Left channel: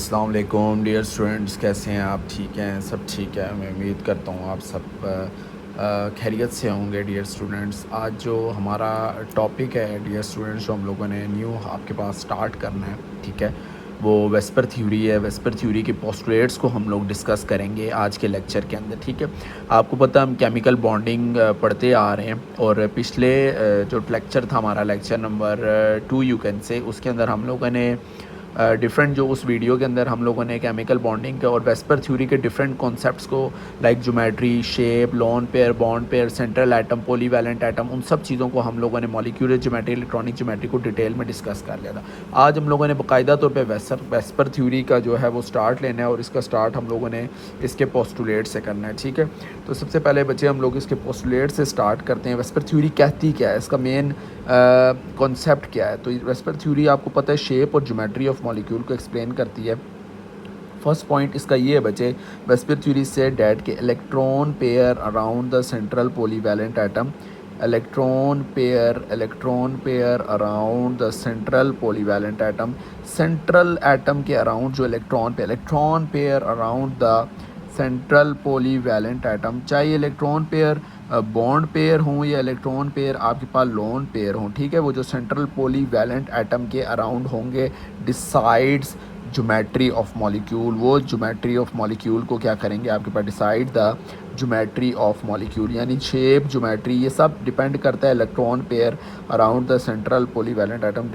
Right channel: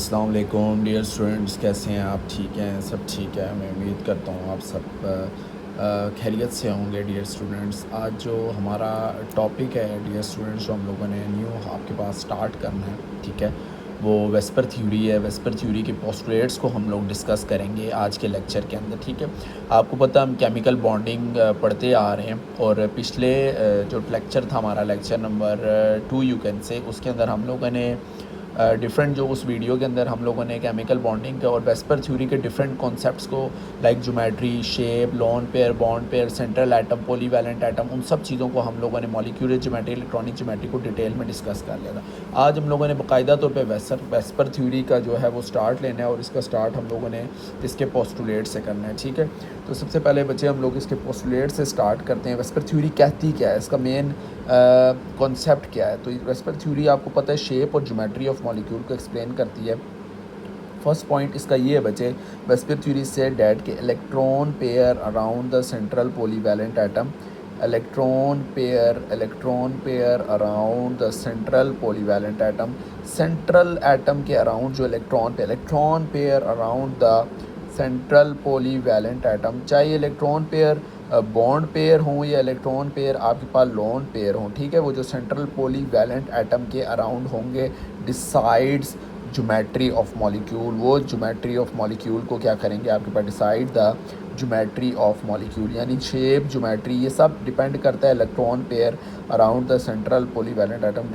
अस्सलाम वालेकुम dear students, कैसे हैं आप? ठीक हैं? सब ठीक है। मैं उम्मीद करता हूँ आप सब खैरियत से होंगे। डियर स्टूडेंट्स, आज जो हमारा टॉपिक है डियर स्टूडेंट्स, जो हम लोगों ने न्यू आपके पास स्टार्ट करना है, ठीक है, वो वेस्पर थ्योरी है। वेस्पर थ्योरी के पोस्टुलेट्स को हम लोग डिस्कस करेंगे आज के लेक्चर के अंदर, ठीक है। आपको पता, हम केमिकल बॉन्डिंग पढ़ते आ रहे हैं और पिछले जो लेक्चर था हमारा, लेक्चर नंबर 2 यू कैन से, उसके अंदर हम लोगों ने डिफरेंट, जो उस वीडियो के अंदर हम लोगों ने केमिकल बॉन्डिंग के और वेस्पर थ्योरी के डिफरेंट कॉन्सेप्ट्स को, like geometry, shape, loan pair, bond pair, central atom, polyvalent atom, उन सब चीज़ों को हम लोगों ने मॉलिक्यूलर ज्योमेट्री, इलेक्ट्रॉनिक ज्योमेट्री को डिटेल में डिस्कस कर लिया था। आज हम लोगों ने बाकायदा तौर पर वेस्पर थ्योरी का जो है वो स्टार्ट लेना है और इसका स्टार्ट हम लोगों ने इसके पोस्टुलेट से करना है, ठीक है। तो सबसे पहले बच्चे हम लोग इसके पोस्टुलेट से स्टार्ट करते हैं। वेस्पर थ्योरी कहती क्या है, इसका मेन कॉन्सेप्ट क्या है? तो वेस्पर थ्योरी आपको पता है शेप और ज्योमेट्री ऑफ मॉलिक्यूल को एक्सप्लेन करती है। फर्स्ट पॉइंट इसका ये है बच्चे, वेस्पर थ्योरी से डैट के electron pair around the central polyvalent atom, electron pair around the central polyvalent atom, central atom के अराउंड जो electron pair around the central polyvalent atom, चाहे इलेक्ट्रॉन पेयर बॉन्ड पेयर हों या electron pair आपके पास lone pair हों, ठीक है, वो जो सेंट्रल पॉलीवैलेंट एटम के अराउंड होंगे डिसाइड्स ज्योमेट्री ऑफ मॉलिक्यूल। वो ज्योमेट्री ऑफ मॉलिक्यूल को क्या करेंगे आपके पास, decide the geometry of molecule, यानी शेप, ज्योमेट्री, ये सब डिपेंड करता है electron pair around the central polyvalent atom,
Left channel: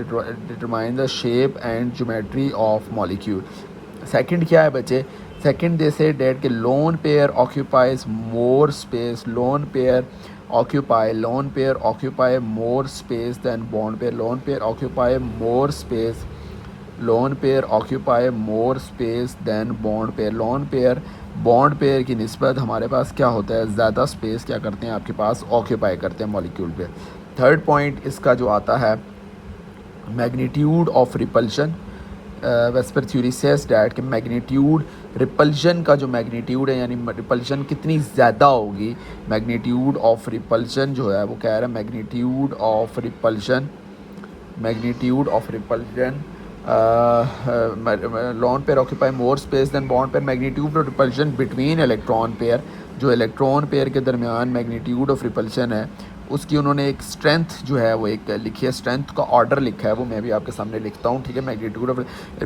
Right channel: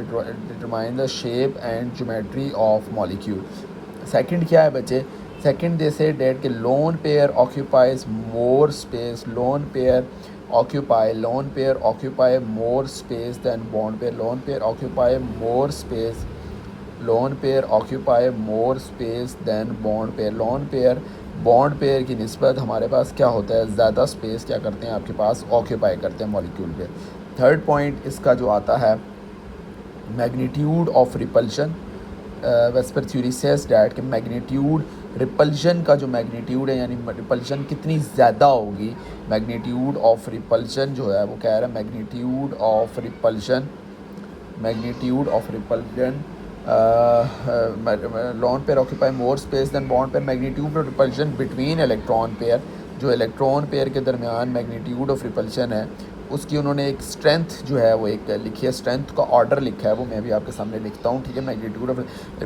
determine the shape and geometry of molecule. Second क्या है बच्चे, सेकंड दे से डेट के lone pair occupies more space, lone pair occupy more space than bond pair, lone pair occupy more space than bond pair. Lone pair bond pair की निस्बत हमारे पास क्या होता है, ज़्यादा स्पेस क्या करते हैं आपके पास, ऑक्यूपाई करते हैं मॉलिक्यूल पे। थर्ड पॉइंट इसका जो आता है, magnitude of repulsion. VSEPR theory says that कि मैग्नीट्यूड, रिपल्शन का जो मैग्नीट्यूड है, यानी रिपल्शन कितनी ज़्यादा होगी, मैग्नीट्यूड ऑफ रिपल्शन जो है वो कह रहा है, magnitude of repulsion lone pair occupy more space than bond pair, magnitude of repulsion between electron pair, जो इलेक्ट्रॉन पेयर के दरमियान मैग्नीट्यूड ऑफ रिपल्शन है, उसकी उन्होंने एक स्ट्रेंथ जो है वो एक लिखी है, स्ट्रेंथ का ऑर्डर लिखा है, वो मैं भी आपके सामने लिखता हूँ, ठीक है। Magnitude of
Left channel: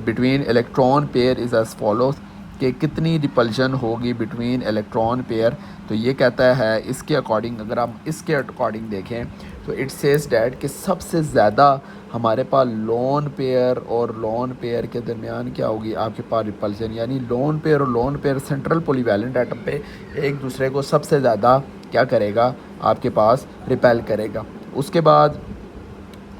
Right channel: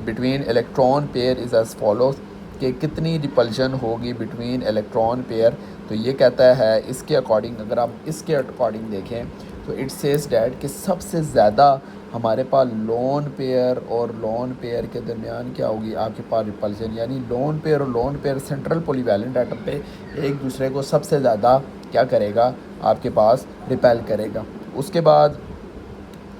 between electron pair is as follows, कि कितनी रिपल्शन होगी बिटवीन इलेक्ट्रॉन पेयर। तो ये कहता है इसके अकॉर्डिंग, अगर आप इसके अकॉर्डिंग देखें तो इट सेज डैट कि सबसे ज़्यादा हमारे पास लोन पेयर और लोन पेयर के दरमियान क्या होगी आपके पास रिपल्शन, यानी लोन पेयर और lone pair central polyvalent atom पे एक दूसरे को सबसे ज़्यादा क्या करेगा आपके पास, रिपेल करेगा। उसके बाद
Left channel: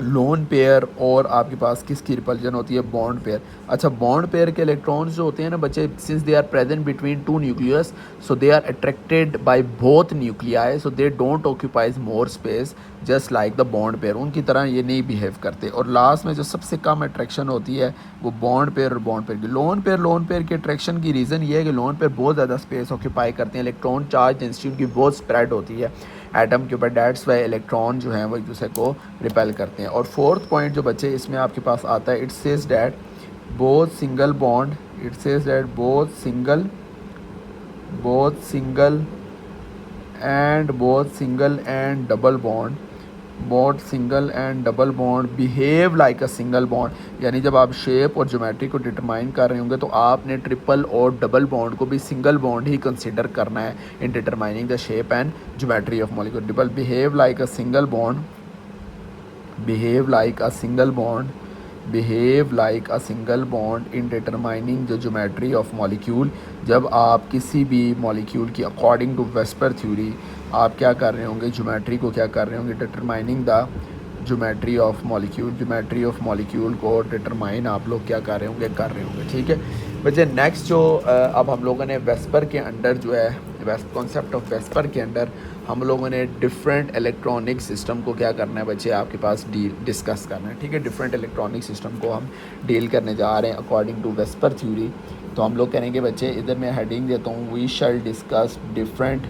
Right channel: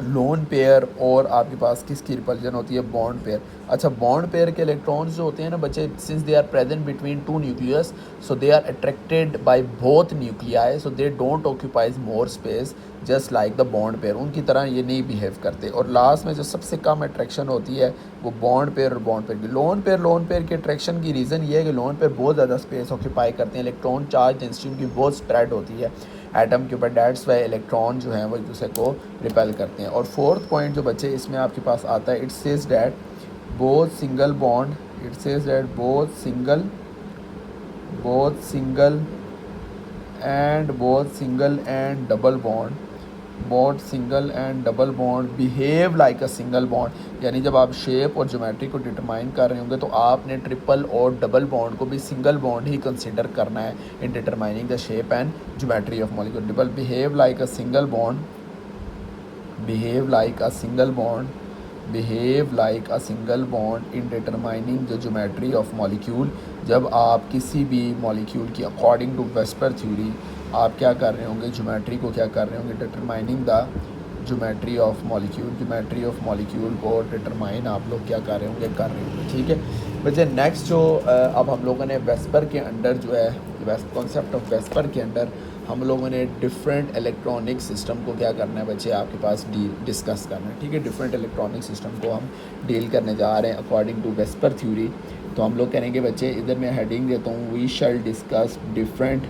लोन पेयर और आपके पास किसकी रिपल्शन होती है, बॉन्ड पेयर। अच्छा, बॉन्ड पेयर के इलेक्ट्रॉन्स जो होते हैं ना बच्चे, since they are present between two nucleus, so they are attracted by both nuclei, so they don't occupies more space just like the bond pair, उनकी तरह ये नहीं बिहेव करते। और लास्ट में जो सबसे कम अट्रैक्शन होती है वो बॉन्ड पेयर और बॉन्ड पेयर की। लोन पेयर की अट्रैक्शन की रीज़न ये है कि लोन पेयर बहुत ज़्यादा स्पेस ऑक्यूपाई करते हैं, इलेक्ट्रॉन चार्ज डेंसिटी की बहुत स्प्रेड होती है एटम के ऊपर, डैट्स वाई इलेक्ट्रॉन जो हैं वो एक दूसरे को रिपेल करते हैं। और फोर्थ पॉइंट जो बच्चे इसमें आपके पास आता है, it says that both single and double bond behave like a single bond, यानी जब आप शेप और ज्योमेट्री को डिटरमाइन कर रहे होंगे तो आपने ट्रिपल और डबल बॉन्ड को भी सिंगल बॉन्ड ही कंसिडर करना है in determining the shape and geometry of molecule. Double behave like a single bond in determining the geometry of molecule. जब आप किसी भी मॉलिक्यूल की अकॉर्डिंग टू वेस्पर थ्योरी आप क्या कर रहे होंगे, ज्योमेट्री को क्या कर रहे होंगे, determining the geometry of molecule को डिटरमाइन आप लोग क्या कर रहे होंगे, ठीक है बच्चे। नेक्स्ट जो अब हम लोगों ने वेस्पर के अंडर जो है कॉन्सेप्ट ऑफ वेस्पर के अंडर हम लोगों ने डिफरेंट इलेक्ट्रॉनिक सिस्टम को क्या करना है बच्चे आपके पास डिस्कस करना है, ठीक है। डिफरेंट इलेक्ट्रॉनिक सिस्टम को हम डील करने जा रहे हैं अकॉर्डिंग टू वेस्पर थ्योरी। तो हम लोग करेंगे बच्चे, इधर मैं हेडिंग देता हूँ, we shall discuss different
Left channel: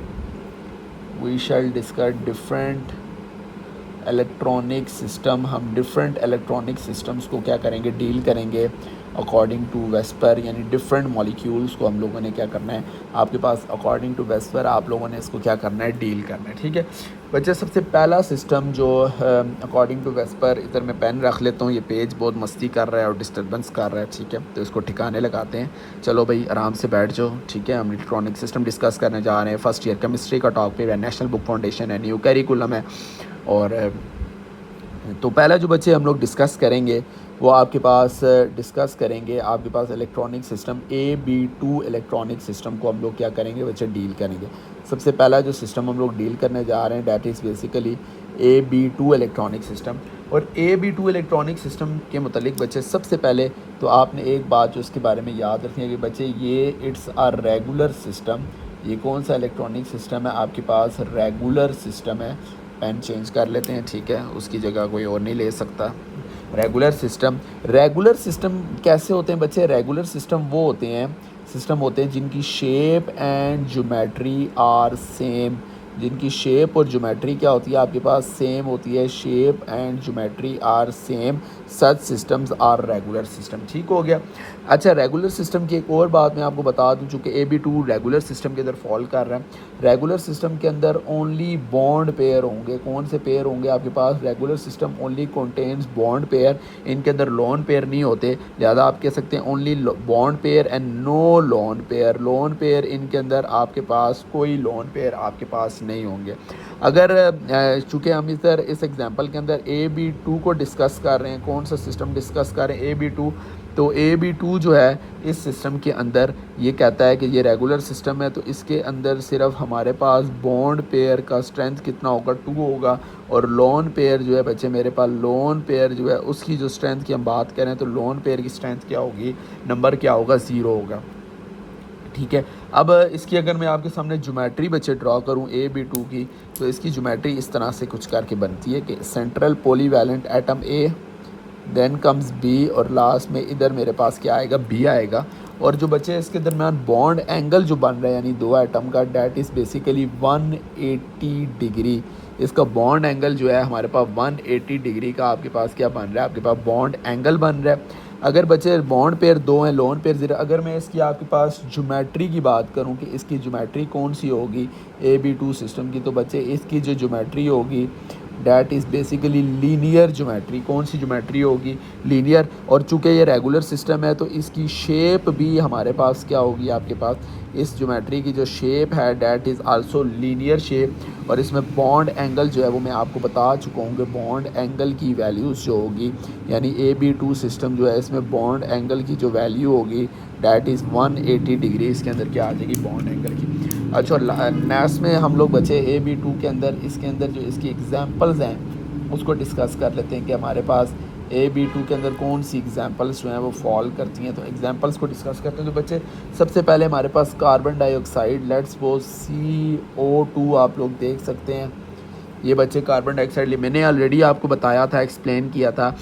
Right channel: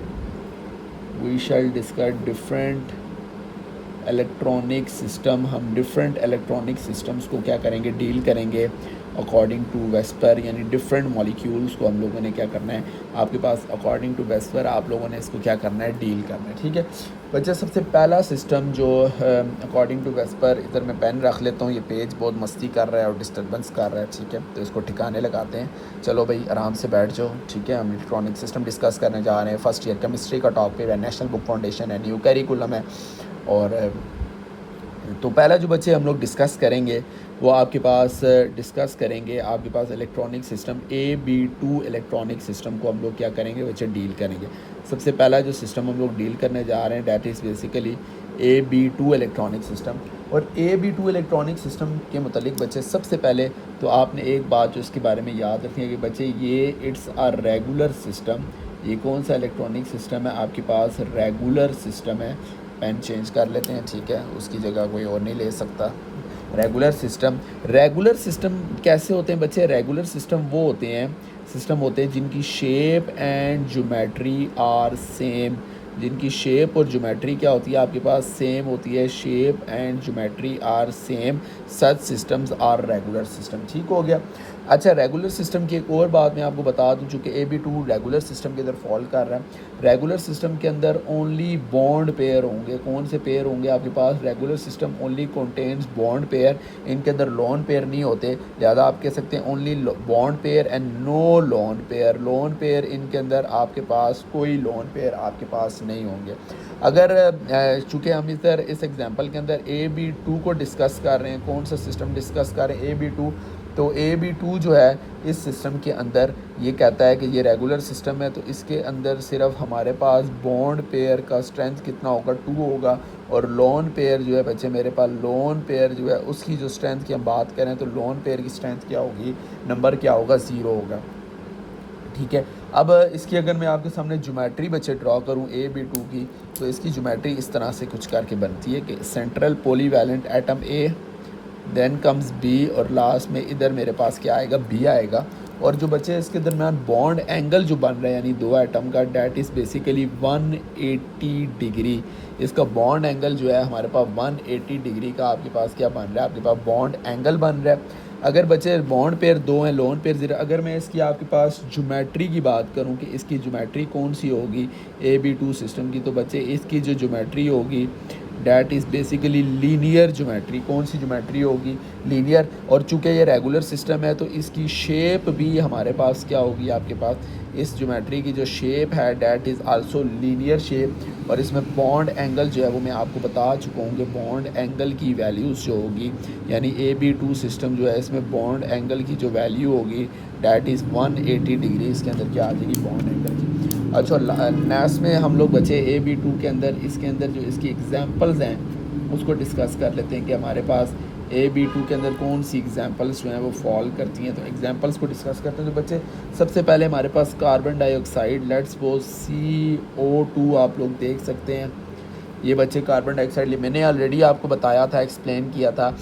electronic system, हम डिफरेंट इलेक्ट्रॉनिक सिस्टम्स को क्या करेंगे, डील करेंगे अकॉर्डिंग टू वेस्पर, यानी डिफरेंट मॉलिक्यूल्स को हम लोगों ने क्या करना है, आपके पास अकॉर्डिंग टू वेस्पर आप लोगों ने इसको क्या करना है, डील करना है। ठीक है बच्चे, सबसे पहला सिस्टम जो अकॉर्डिंग टू वेस्पर, इधर मैं पेन रख लेता हूँ, ये पेज बहुत मस्ती कर रहा है और डिस्टर्बेंस कर रहा है। ठीक है, तो इसको ठिकाने लगाते हैं। चलो भाई आराम से बैठ जाओ। ठीक है, हम इलेक्ट्रॉनिक सिस्टम डिस्कस करने जा रहे हैं। फर्स्ट ईयर केमिस्ट्री का टॉपिक है, नेशनल बुक फाउंडेशन है, न्यू कैरिकुलम है। और तो पहला जो बच्चे हम लोग डिस्कस करेंगे वो आपके पास डिस्कस करेंगे आपके पास electronic system AB2 electronic system को हम लोग क्या करेंगे बच्चे, डील करेंगे। सबसे पहला जो सिस्टम हम लोग डील करने जा रहे हैं that is basically AB2 electronic system. और AB2 इलेक्ट्रॉनिक सिस्टम के मुतालिक बच्चे सबसे पहले तो आपने एक बात जो उसके बारे में याद रखें कि बच्चे ये इट्स आ रेगुलर सिस्टम। ये कौन सा इलेक्ट्रॉनिक सिस्टम है, आपके पास रेगुलर सिस्टम है। पेन चेंज कर लेते हैं, ठीक है, उसकी जगह कोई और नहीं ले सकता। रेगुलर सिस्टम कैसे होते हैं बच्चे, रेगुलर सिस्टम वो होते हैं जिनकी shape and geometry are same. जिनकी शेप और ज्योमेट्री क्या होती है, आपके पास सेम होती है, shape and geometry are same, such systems are regular system. ठीक हो गया। अच्छा, रेगुलर सिस्टम की एक और बात मैं आपको बता दूं, चूँकि AB2 रेगुलर सिस्टम के अंदर फॉल कर रहा है। रेगुलर सिस्टम के अंदर ओनली बॉन्ड पेयर होंगे। कौन से पेयर होंगे आपके पास, regular system only contains bond pair, इनके अंदर लोन पेयर नहीं होते। लिहाजा आप कह सकते हैं only bond pair and no lone pair. Lone pair इनके अंदर आपके पास कोई लोन पेयर आपके पास नहीं होंगे। अगर चूँकि हम इधर इस एग्जांपल के अंदर AB2 को डिस्कस कर रहे हैं, कौन सा सिस्टम डिस्कस कर रहे हैं, AB2, तो AB2 जो है इस सिस्टम के अंदर ये कहता है कि ये रेगुलर सिस्टम है, तो इसके अंदर सिर्फ हमारे पास बॉन्ड पेयर का स्ट्रेंथ कितना होगा, 2 होगा। और लोन पेयर जो है बच्चे मेरे पास, लोन पेयर जो है उसकी जो स्ट्रेंथ की हम बात करें तो लोन पेयर की स्ट्रेंथ क्या होगी, नंबर क्या होगा, 0 होगा। ठीक है, अब इसकी अगर मैं आपके सामने ज्योमेट्री बच्चे ड्रॉ करूं AB2 की, तो इसकी ज्योमेट्री इस तरह से कुछ करके बनती है कि central polyvalent atom A, then comes B, और लास्ट में इधर मेरे पास क्या आएगा, B आएगा। और जो बच्चे इसके दरमियान बॉन्ड एंगल जो बन रहा है यानी 2 एटम का, डैट इज़ बेसिकली 180 डिग्री। इसका बॉन्ड एंगल जो है हमारे पास 180 डिग्री का आपके पास क्या बन रहा है, आपके पास बॉन्ड एंगल बन रहा है। अगर बच्चे बॉन्ड पेयर 2 हैं, लोन पेयर 0, अगर मैं इसकी आपके पास ज्योमेट्री की बात करूं कि इसकी ज्योमेट्री कौन सी होगी AB2 सिस्टम की, तो बच्चे इसकी जो ज्योमेट्री होगी that is basically linear geometry. कौन सी ज्योमेट्री होगी, लीनियर। और चूँकि ये रेगुलर सिस्टम है तो इसकी शेप भी हमारे पास क्या होगी, आपके पास इस ज्योमेट्री की जो शेप है that is also linear shape. और इसमें बॉन्ड एंगल जो है वो मैं आपको बता चुका हूँ कि बॉन्ड एंगल की वैल्यूज़ जो होगी, यानी AB2 सिस्टम जो है इसमें बॉन्ड एंगल की जो वैल्यू होगी डैट इज़ 180 डिग्री इसके अंदर क्या आ जाएगी, बॉन्ड एंगल की। अच्छा, नेक्स्ट में हम लोग बचे AB2 के अंदर, इसके अंदर जो इसकी एग्जांपल्स हैं उसको डिस्कस कर लेते हैं कि हमारे पास AB2 के अंदर कौन सी एग्जांपल्स जो हैं वो फॉल करती हैं। तो एग्जांपल्स को डिस्कस करते हैं। तो बच्चे सबसे पहले हमारे पास carbon dioxide, let's suppose CO2 आप लोग देख सकते हैं। ये बच्चे कार्बन डाइऑक्साइड, मैंने ऑलरेडी आपको बताया था, एक्सप्लेन किया था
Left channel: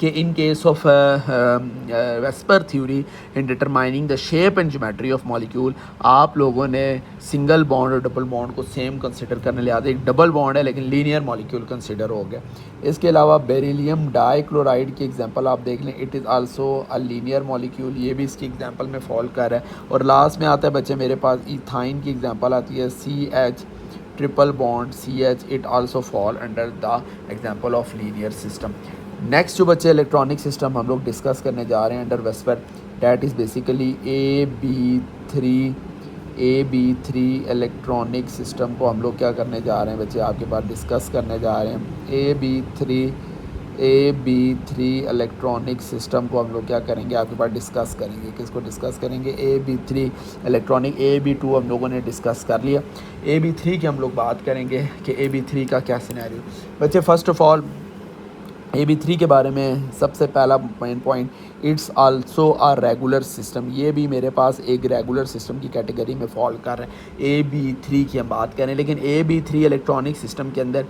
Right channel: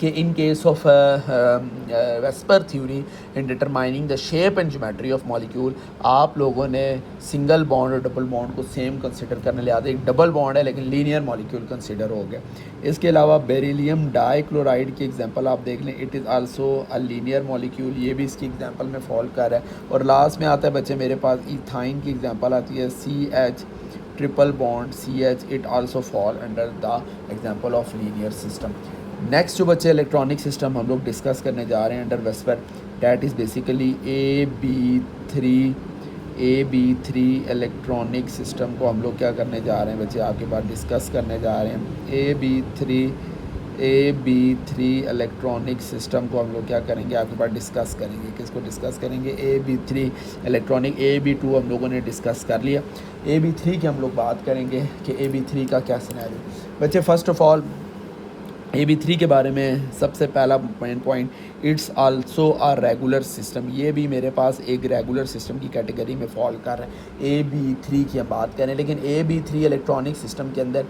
कि in case of VSEPR theory in determining the shape and geometry of molecule, आप लोगों ने सिंगल बॉन्ड और डबल बॉन्ड को सेम कंसिडर करने लिहाजा एक डबल बॉन्ड है लेकिन लीनियर मॉलिक्यूल कंसिडर हो गया। इसके अलावा बेरिलियम डाइक्लोराइड की एग्जांपल आप देख लें, it is also a linear molecule, ये भी इसकी एग्जांपल में फॉल कर रहा है। और लास्ट में आता है बच्चे मेरे पास इथाइन की एग्जांपल आती है, CH triple bond CH, it also fall under the example of linear system. Next जो बच्चे इलेक्ट्रॉनिक सिस्टम हम लोग डिस्कस करने जा रहे हैं under VSEPR, that is basically AB3 electronic system को हम लोग क्या करने जा रहे हैं बच्चे, आपके पास डिस्कस करने जा रहे हैं। AB3 इलेक्ट्रॉनिक सिस्टम को हम लोग क्या करेंगे, आपके पास डिस्कस करेंगे। किसको डिस्कस करेंगे, AB3 इलेक्ट्रॉनिक। AB2 हम लोगों ने डिस्कस कर लिया। AB3 की हम लोग बात करेंगे कि AB3 का क्या सिनेरियो। बच्चे फर्स्ट ऑफ ऑल AB3 के बारे में सबसे पहला main point, it's also a regular system. ये भी मेरे पास एक रेगुलर सिस्टम की कैटेगरी में फॉल कर रहा है। AB3 की हम बात करें, लेकिन AB3 इलेक्ट्रॉनिक सिस्टम के अंदर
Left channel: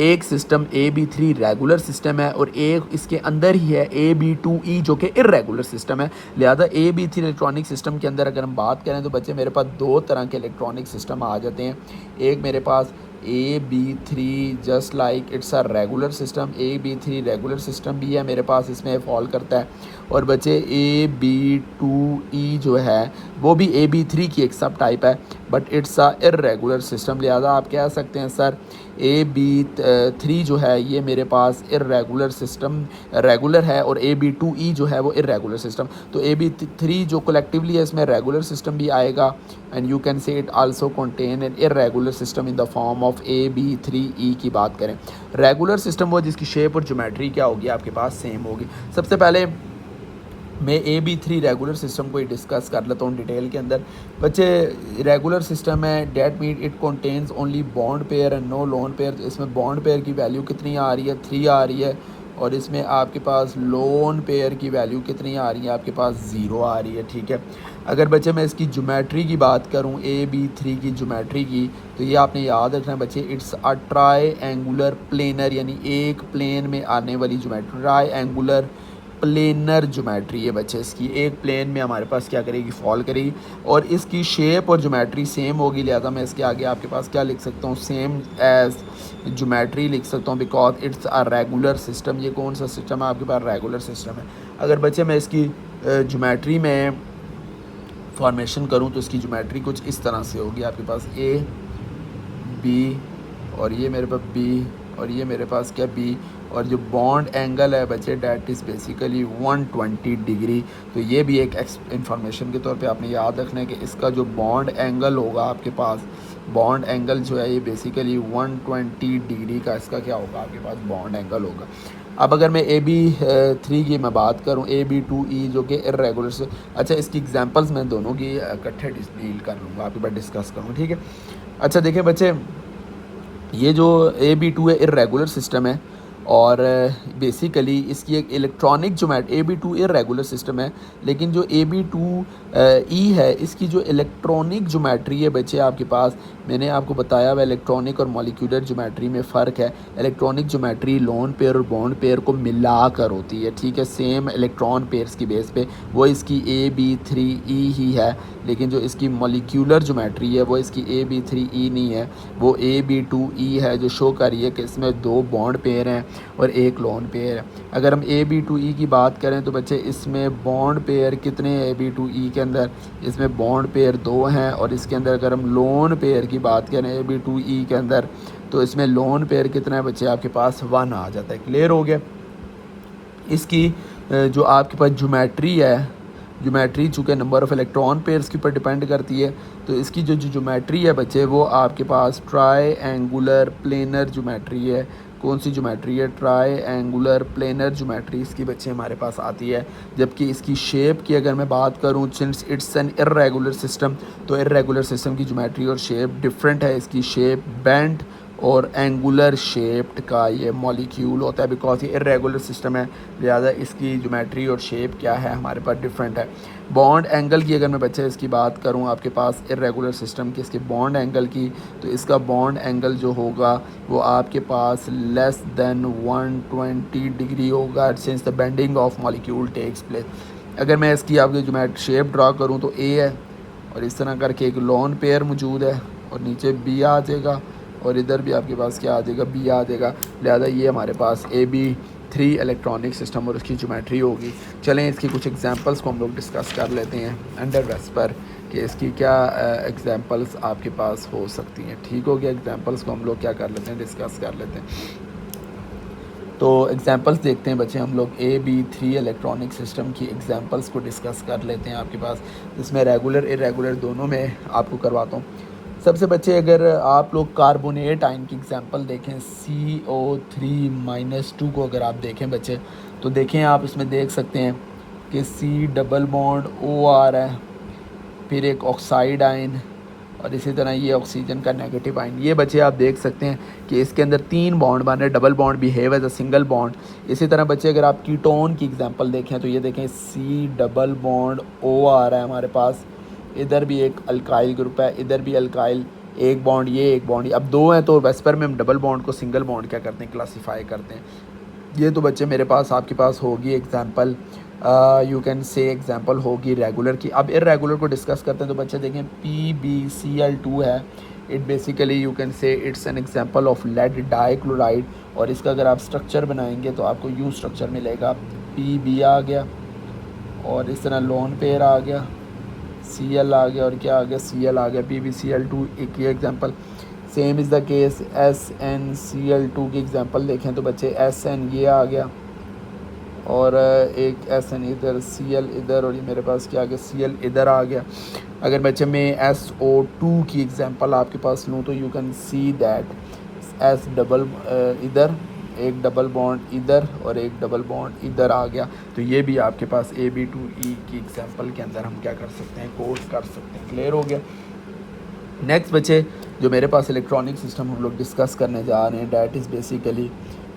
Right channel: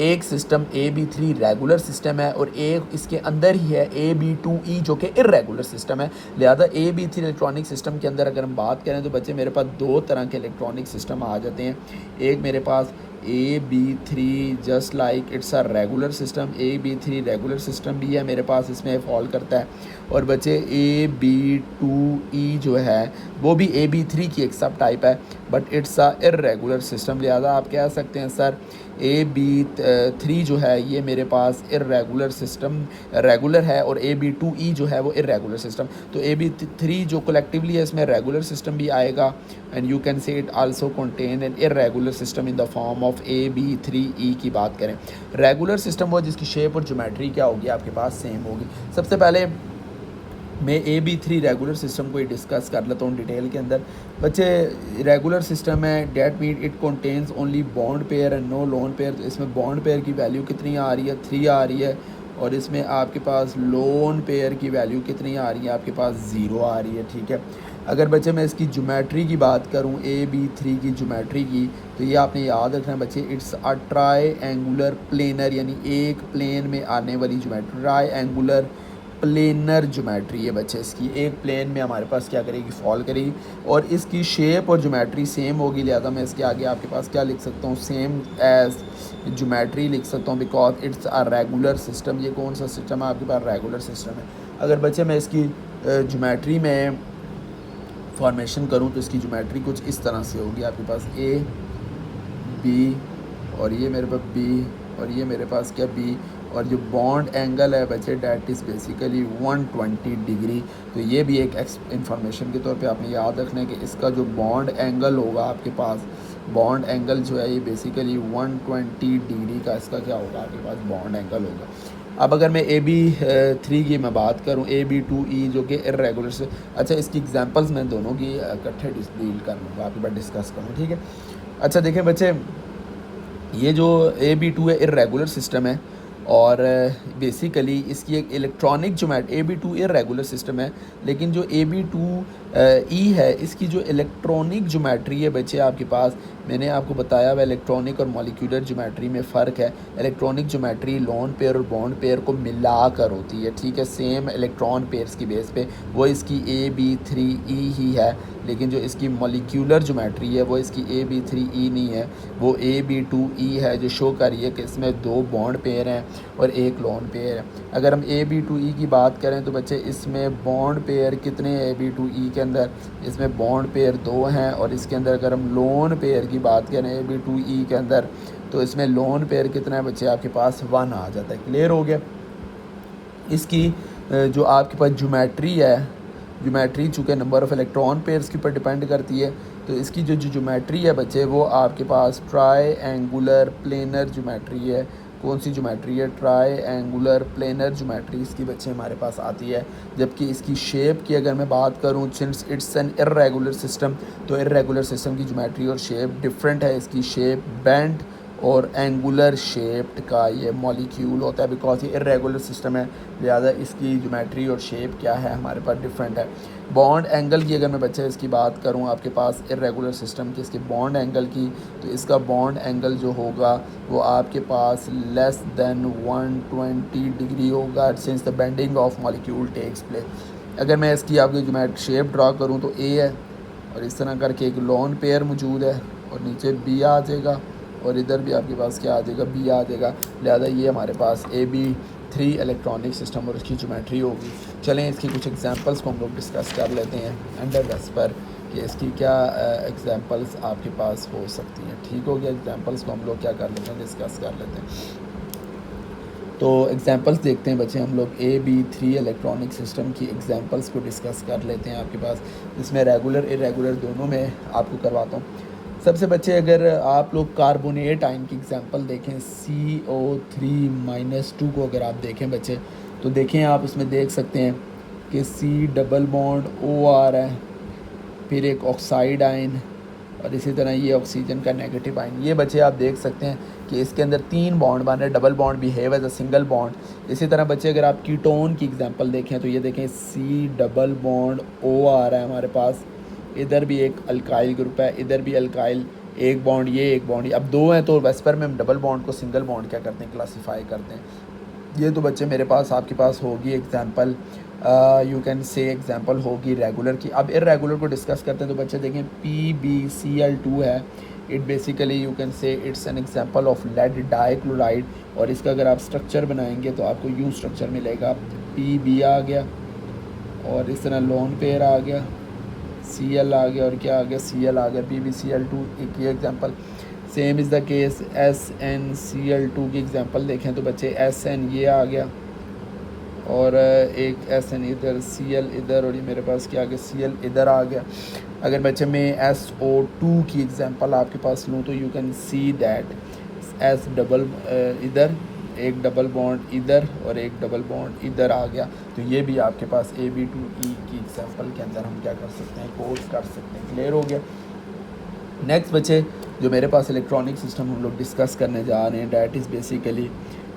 एक सिस्टम AB3 रेगुलर सिस्टम है और एक इसके अंदर ही है AB2E जो कि इर्रेगुलर सिस्टम है। लिहाजा AB3 इलेक्ट्रॉनिक सिस्टम के अंदर अगर हम बात करें तो बच्चे मेरे पास 2 तरह के इलेक्ट्रॉनिक सिस्टम आ जाते हैं। एक मेरे पास AB3 just like it's a regular system, AB3 regular system भी है मेरे पास, इसमें फॉल करता है। और बच्चे AB2E जो है वो भी AB3 की एक सब टाइप है, but it's a irregular system. लिहाजा आप कह सकते हैं सर AB3 जो है ये मेरे पास इर्रेगुलर सिस्टम रेगुलर है, और AB2E जो है वो इर्रेगुलर सिस्टम। तो AB3 जो कलेक्टिवली है इसमें रेगुलर सिस्टम भी आएगा, and you can say it also contain an irregular system in the form of AB3E की बात करें। रेगुलर सिस्टम वो जिसकी शेप और ज्योमेट्री क्या होगी आपके पास सेम होगी। सबसे पहले मैं AB3 रेगुलर सिस्टम को ही डिस्कस कर लेता हूँ डिटेल के अंदर। बच्चे रेगुलर सिस्टम है, that mean it contains only bond pair and no lone pair. इसमें बॉन्ड पेयर की वैल्यू कितनी आ रही है, 3 आ रही है, और इसमें आपके पास लोन पेयर की वैल्यू कितनी आ रही है, आपके पास 0 आ रही है। ठीक है, अगर बच्चे मैं इसकी ज्योमेट्री की बात करूं AB3 की ज्योमेट्री की, तो ये आपने याद रखना बच्चे, it's a try angular planar, यानी एक प्लेन में आने वाली geometry, try angular planar geometry है बच्चे। इसकी एक प्लेन में हमारे पास क्या करेगी, फॉल करेगी, और इसकी शेप और ज्योमेट्री सेम होगी। लिहाजा मैं इसके आगे आपके पास क्या लिख सकता हूँ, सेम एज ज्योमेट्री लिख सकता हूँ, because it's a regular system. ये कौन सा सिस्टम है आपके पास, रेगुलर सिस्टम है। अगर बच्चे मैं इसकी ज्योमेट्री में फॉर्मेशन करूँ तो इसकी ज्योमेट्री कुछ इस तरह से होगी। आपके पास A B, और ये मेरे पास B, और ये मेरे पास क्या B, और जो बॉन्ड एंगल है बच्चे डैट इज़ बेसिकली 120 डिग्री। तो ये भी एक इंफॉर्मेशन के तौर पे आपने याद रखना है कि इसका जो बॉन्ड एंगल होगा आपके पास, बॉन्ड एंगल जो है ये बेसिकली 120 डिग्री का इसका क्या होगा, आपके पास बॉन्ड एंगल होगा। अब अगर मैं AB3 की मैं बात करूं, AB2E जो कि इर्रेगुलर से, अच्छा इसकी एग्जांपल्स मैं दोनों की इकट्ठे डील करूँगा, आपके पास डिस्कस करूँ। ठीक है, अच्छा देखें बच्चे, ये जो AB2 है इर्रेगुलर सिस्टम है, और बेसिकली इसकी एक electronic geometry, AB2 irregular system है, लेकिन जो AB2E है इसकी जो इलेक्ट्रॉनिक ज्योमेट्री है बच्चे आपके पास, मैंने आपको बताया हुआ इलेक्ट्रॉनिक और मॉलिक्यूलर ज्योमेट्री में फ़र्क है। इलेक्ट्रॉनिक ज्योमेट्री लोन पेयर और बॉन्ड पेयर को मिला कर होती है। ठीक है, सेम इलेक्ट्रॉन पेयर्स की बेस पे वो इसकी AB3E ही है, लेकिन जो इसकी मॉलिक्यूलर ज्योमेट्री है वो इसकी AB3E नहीं है, वो AB2E है, जो शो कर रही है कि इसमें 2 बॉन्ड पेयर हैं और 1 लोन पेयर है। अगर हम AB2E की बात करें तो बच्चे इसमें बॉन्ड पेयर कितने हैं AB2E के अंदर, इसमें बॉन्ड पेयर 2 हैं, और इसके अंदर अगर हम लोन पेयर की बात करें AB2E के अंदर, तो इसमें लोन पेयर कितना है बच्चे, आपके पास 1 आ जाता है। क्लियर हो गया। इसकी जो आपके पास ज्योमेट्री है, ज्योमेट्री चूँकि नंबर ऑफ़ इलेक्ट्रॉन पेयर्स के ऊपर डिपेंड करती है, तो इसकी जो ज्योमेट्री है बच्चे वो आपके पास ट्राई एंगुलर प्लेनर ज्योमेट्री है। कौन सी ज्योमेट्री है, ट्राई एंगुलर प्लेनर ज्योमेट्री इसकी बच्चे हमारे पास आती है। जबकि इसकी शेप की अगर मैं बात करूँ, since it's an irregular system, तो इर्रेगुलर सिस्टम की ज्योमेट्री और शेप डिफरेंट है। इसकी शेप बेंट और एंगुलर शेप्ड का ये मॉलिक्यूल होता है, बिकॉज ये इर्रेगुलर सिस्टम है, लिहाजा इसकी ज्योमेट्री और शेप क्या है हमारे पास डिफरेंट है। बॉन्ड एंगल की अगर मैं बच्चे इसकी बात करूं आपके पास इर्रेगुलर सिस्टम की, इसके बॉन्ड एंगल की, तो इसका बॉन्ड एंगल जो होगा वो आपके पास लेस देन 120 डिग्री होगा, since the bending of molecule takes place. अगर मैं इसकी आपकी ज्योमेट्री शेप ड्रा करूँ तो A है, और इस तरह करके एक लोन पेयर मौजूद है, और नीचे B आ जाएगा, और इधर भी आपके पास क्या आ जाएगा, B आ जाएगा। लिहाजा ये हमारे पास AB3 इलेक्ट्रॉनिक सिस्टम और इसकी ज्योमेट्री होगी। चलें इसकी कुछ एग्जांपल्स को हम लोग डिस्कस कर लेते हैं अंडर वेस्पर, कि इसकी क्या एग्जांपल्स आपके पास हो सकती हैं। ठीक हो गया, एग्जांपल्स को हम लोग क्या कर लेते हैं, डिस्कस कर लेते हैं। तो एग्जांपल्स देखते हैं बच्चे, हम लोग AB3 इलेक्ट्रॉनिक सिस्टम की एग्जांपल्स को डिस्कस कर लेते हैं आपके पास। इसमें रेगुलर इरेगुलर दोनों में आपको करवाता हूँ। सबसे बच्चे अगर आप लोग कार्बोनेट आयन की एग्जांपल देखें, CO3-2 को अगर आप देखें बच्चे, तो देखें आप इसमें देख सकते हैं कि C डबल बॉन्ड OR है, फिर एक ऑक्साइड आयन, और इसी तरह ये ऑक्सीजन का नेगेटिव आयन। ये बच्चे आप देख सकते हैं कि इसके अंदर 3 बॉन्ड बन रहे, double bond behave as a single bond. इसी तरह बच्चे अगर आप कीटोन की एग्जांपल देखें तो ये देखें C डबल बॉन्ड OR है हमारे पास, इधर भी एक अल्काइल ग्रुप है, इधर भी अल्काइल, एक बॉन्ड ये एक बॉन्ड, अब 2 हैं तो वेस्पर में हम डबल बॉन्ड को सिंगल बॉन्ड क्या करते हैं, क्लासीफाई करते हैं। ये तो बच्चे मेरे पास आपके पास होगी एग्जांपल, यू कैन से एग्जांपल होगी रेगुलर की। अब इर्रेगुलर को डिस्कस करते हैं तो बच्चे देखें PbCl2 है, it basically you can say it's an example of lead dichloride. और इसका अगर आप स्ट्रक्चर बनाएंगे तो आपको यू स्ट्रक्चर मिलेगा, पी आ गया और इस तरह लोन पेयर आ गया, Cl आ गया और क्या आ गया, Cl आ गया, PbCl2 एक ही example. Same is the case SnCl2 की एग्जांपल देखें तो बच्चे Sn ये आ गया और एक Sn इधर, Cl इधर और ये मेरे पास क्या आ गया, Cl इधर आ गया। अगर बच्चे मैं SO2 की एग्जांपल आपके पास लूँ तो you can see that S double इधर, एक डबल बॉन्ड इधर और एक डबल बॉन्ड इधर आ गया। तो ये भी आपके पास Ab2E की एग्जांपल के अंदर हम क्या कर सकते हैं, कोर्स कर सकते हैं। क्लियर हो गया। नेक्स्ट बच्चे जो मेरे पास इलेक्ट्रॉनिक सिस्टम हम लोग डिस्कस करने जा रहे हैं, that is basically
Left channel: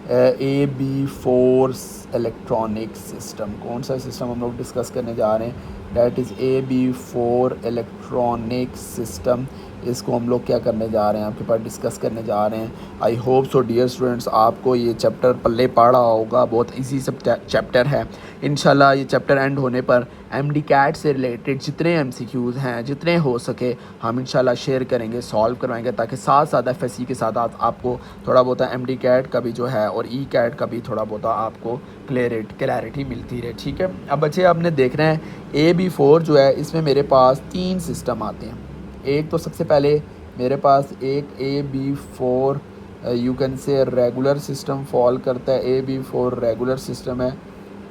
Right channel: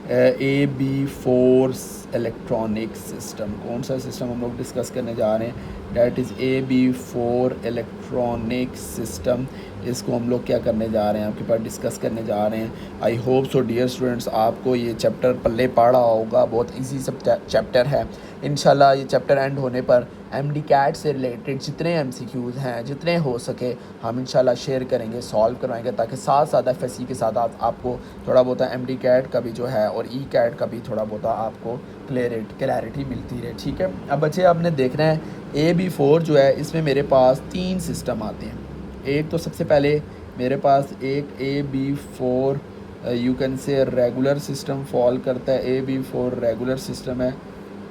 AB4 electronic system. कौन सा सिस्टम हम लोग डिस्कस करने जा रहे हैं, that is AB4 electronic system. इसको हम लोग क्या करने जा रहे हैं, आपके पास डिस्कस करने जा रहे हैं। I hope so dear students आपको ये चैप्टर पल्ले पड़ा होगा, बहुत इजी सब चैप्टर है। इंशाल्लाह ये चैप्टर एंड होने पर MD कैट से रिलेटेड जितने MCQs हैं, जितने हो सके हम इंशाल्लाह शेयर करेंगे, सॉल्व करवाएंगे, ताकि साथ साथ FSC के साथ आपको थोड़ा बहुत MD कैट का भी जो है और E कैट का भी थोड़ा बहुत आपको क्लैरिटी मिलती रहे। ठीक है। अब बच्चे आपने देखना है AB4 जो है इसमें मेरे पास 3 सिस्टम आते हैं। एक तो सबसे पहले मेरे पास एक AB4 यू कैन से रेगुलर सिस्टम फॉल करता है, AB4 रेगुलर सिस्टम है।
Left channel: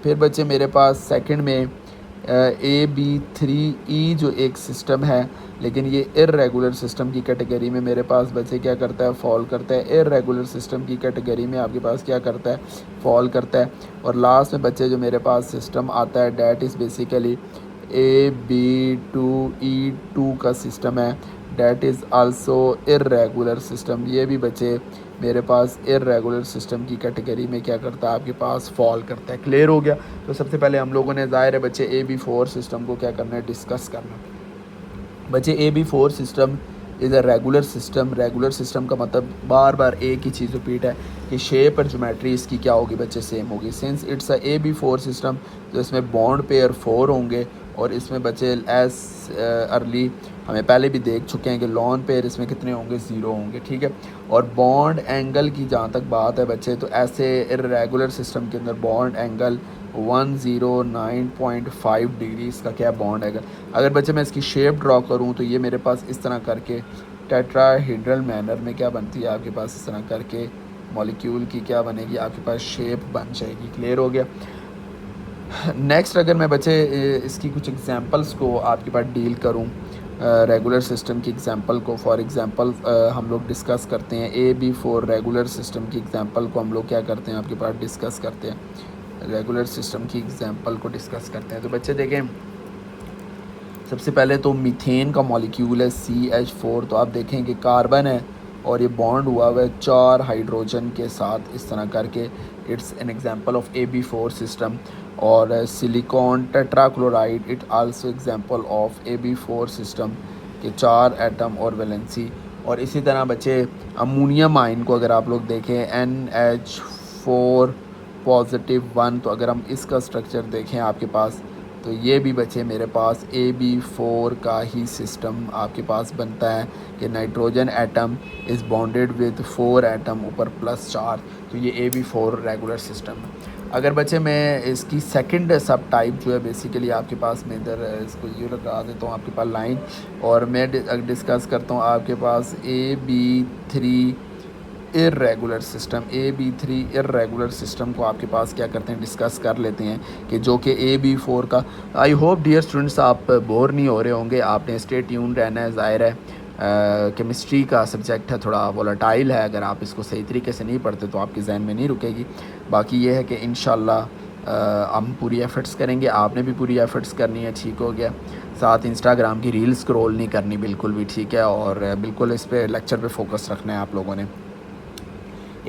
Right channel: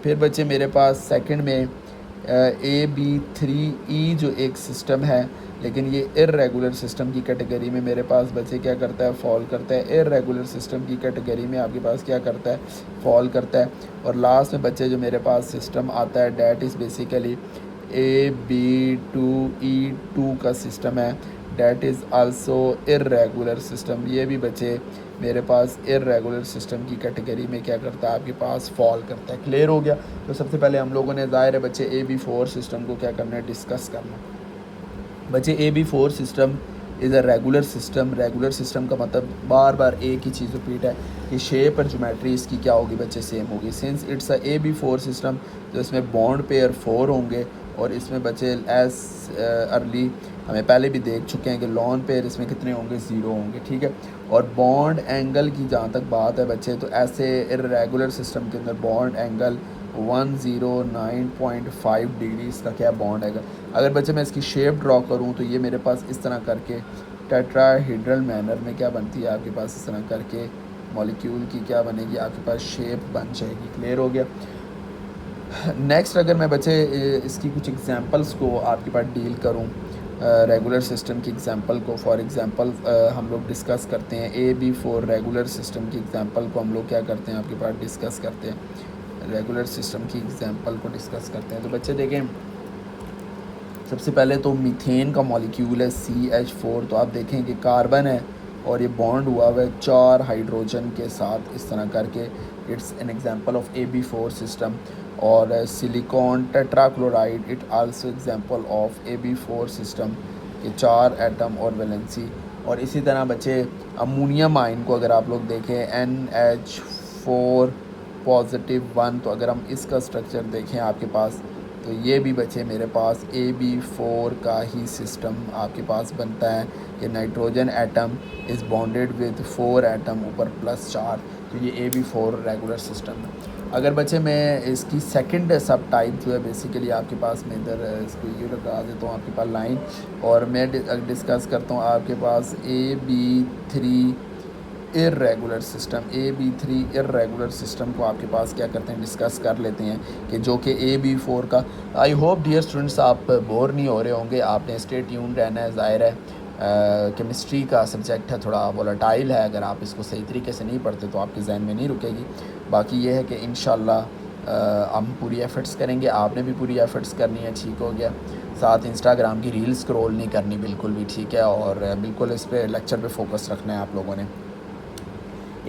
फिर बच्चे मेरे पास सेकंड में AB3E जो एक सिस्टम है, लेकिन ये इर्रेगुलर सिस्टम की कैटेगरी में मेरे पास बच्चे क्या करता है, फॉल करता है। इर्रेगुलर सिस्टम की कैटेगरी में आपके पास क्या करता है, फॉल करता है। और लास्ट में बच्चे जो मेरे पास सिस्टम आता है डैट इज़ बेसिकली AB2E2 का सिस्टम है, that is also irregular system. ये भी बच्चे मेरे पास इर्रेगुलर सिस्टम की कैटेगरी में क्या करता है, आपके पास फॉल करता है। क्लियर हो गया। तो सबसे पहले हम लोगों ने ज़ाहिर है बच्चे AB4 सिस्टम को क्या करना है, डिस्कस करना है। बच्चे AB4 system is a regular system. Regular system का मतलब बार बार एक ही चीज़ रिपीट है कि शेप और ज्योमेट्री इसकी क्या होगी बच्चे, सेम होगी। Since it's a AB4 system तो इसमें बॉन्ड पेयर 4 होंगे और इसमें बच्चे एस अर्ली हमें पहले भी देख चुके हैं कि लॉन पेयर इसमें कितने होंगे, 0 होंगे। ठीक है। और बॉन्ड एंगल की जहाँ तक बात है बच्चे, तो ऐसे इर्रेगुलर सिस्टम के अंदर बॉन्ड एंगल 109.5 डिग्री इसका क्या बॉन्ड है। अगर बच्चे मैं इसकी शेप ड्रॉ करूँ तो ये मेरे पास इस तरह करके टेट्राहेड्रल मैनर में क्या बनती है, आपके पास इस तरह करके मॉलिक्यूल की क्या बनेगी, आपके पास शेप बन जाएगी। क्लियर हो गया। नेक्स्ट अगर मैं बच्चे इसकी कुछ एग्जांपल्स को आपके पास डील करूं, रेगुलर सिस्टम की एग्जांपल को, फॉर एग्जांपल हम लोग डिस्कस करते हैं AB4 रेगुलर सिस्टम की एग्जांपल को हम लोग क्या करते हैं, आपके पास डिस्कस करते हैं, रेगुलर सिस्टम की एग्जांपल को डिस्कस करते हैं। तो बच्चे देखें सबसे पहले तो मीथेन का मॉलिक्यूल है CH4। तो आप देखें कि कार्बन है और ये बॉन्ड हुआ हुआ है 4 हाइड्रोजन के साथ इस तरह करके। It's an example of AB4 system. और silicon tetrachloride it also example of AB4 system के 4 एटम और वैलेंसी। और इसी तरह बच्चे अमोनियम आयन को अगर आप लोग देखें NH4 पॉजिटिव 1, तो अगर हम इसका स्ट्रक्चर देखें आपके पास तो ये भी बच्चे मेरे पास AB4 का ही सिस्टम आपके पास बनता है कि nitrogen atom is bonded with 4 atom ऊपर +4। तो ये AB4 रेगुलर सिस्टम। अगर बच्चे मैं इसकी सेकंड सब टाइप जो है बेसिकली आपके पास मैं इधर इसको ये लगा देता हूँ आपके पास लाइन, और मैं डिस्कस करता हूँ आपके पास AB3 irregular system. AB3 irregular system को आपके पास क्या करते हैं, डिस्कस कर लेते हैं कि जो कि AB4 का। आई होप डियर स्टूडेंट्स आप बोर नहीं हो रहे होंगे, आपने स्टे ट्यून रहना है। ज़ाहिर है केमिस्ट्री का सब्जेक्ट है, थोड़ा वोलेटाइल है, अगर आप इसको सही तरीके से नहीं पढ़ते तो आपके जहन में नहीं रुकेगी। बाकी ये है कि इंशाल्लाह हम पूरी एफ़र्ट्स करेंगे, आपने भी पूरी एफ़र्ट्स करनी है। ठीक हो गया। साथ इंस्टाग्राम की रील स्क्रॉल नहीं करनी बिल्कुल भी, ठीक है, और बिल्कुल इस पर लेक्चर पे फोकस रखना है आप लोगों ने।